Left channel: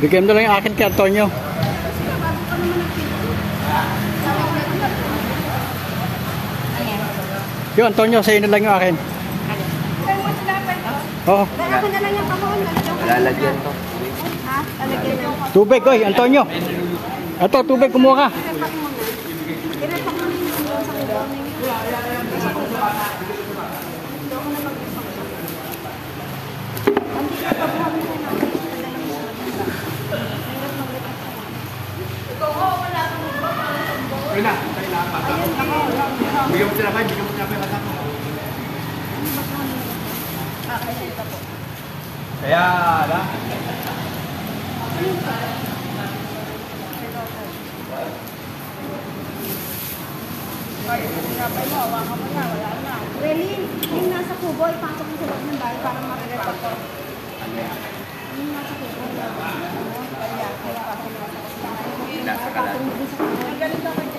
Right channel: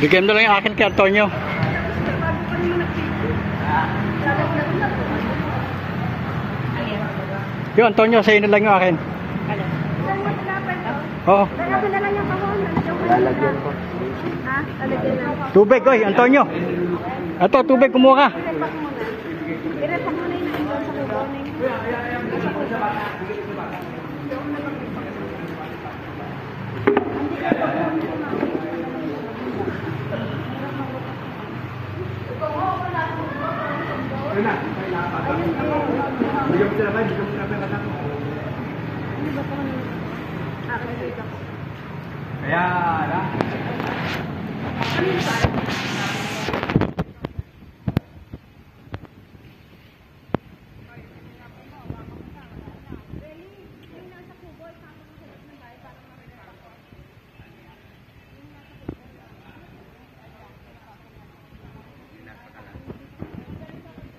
Bigyan mo lang yung akin kay Antonio. Yo, Antonio, sa'yo na lang yung akin. Oo. Lalagyan ko. Tubig, oy, Antonio. Ito, tubig, kumuha ka. Ayun na, bigyan mo sila kayo, bigyan mo sila kayo kasama. Kaya, ala. Really? Yung nasa kubo, ipasok mo sa loob ng bahay para makikita ko. Yung nasa kubo, kaya ipasok mo sa loob ng bahay. Nasa kalan. Ganito ako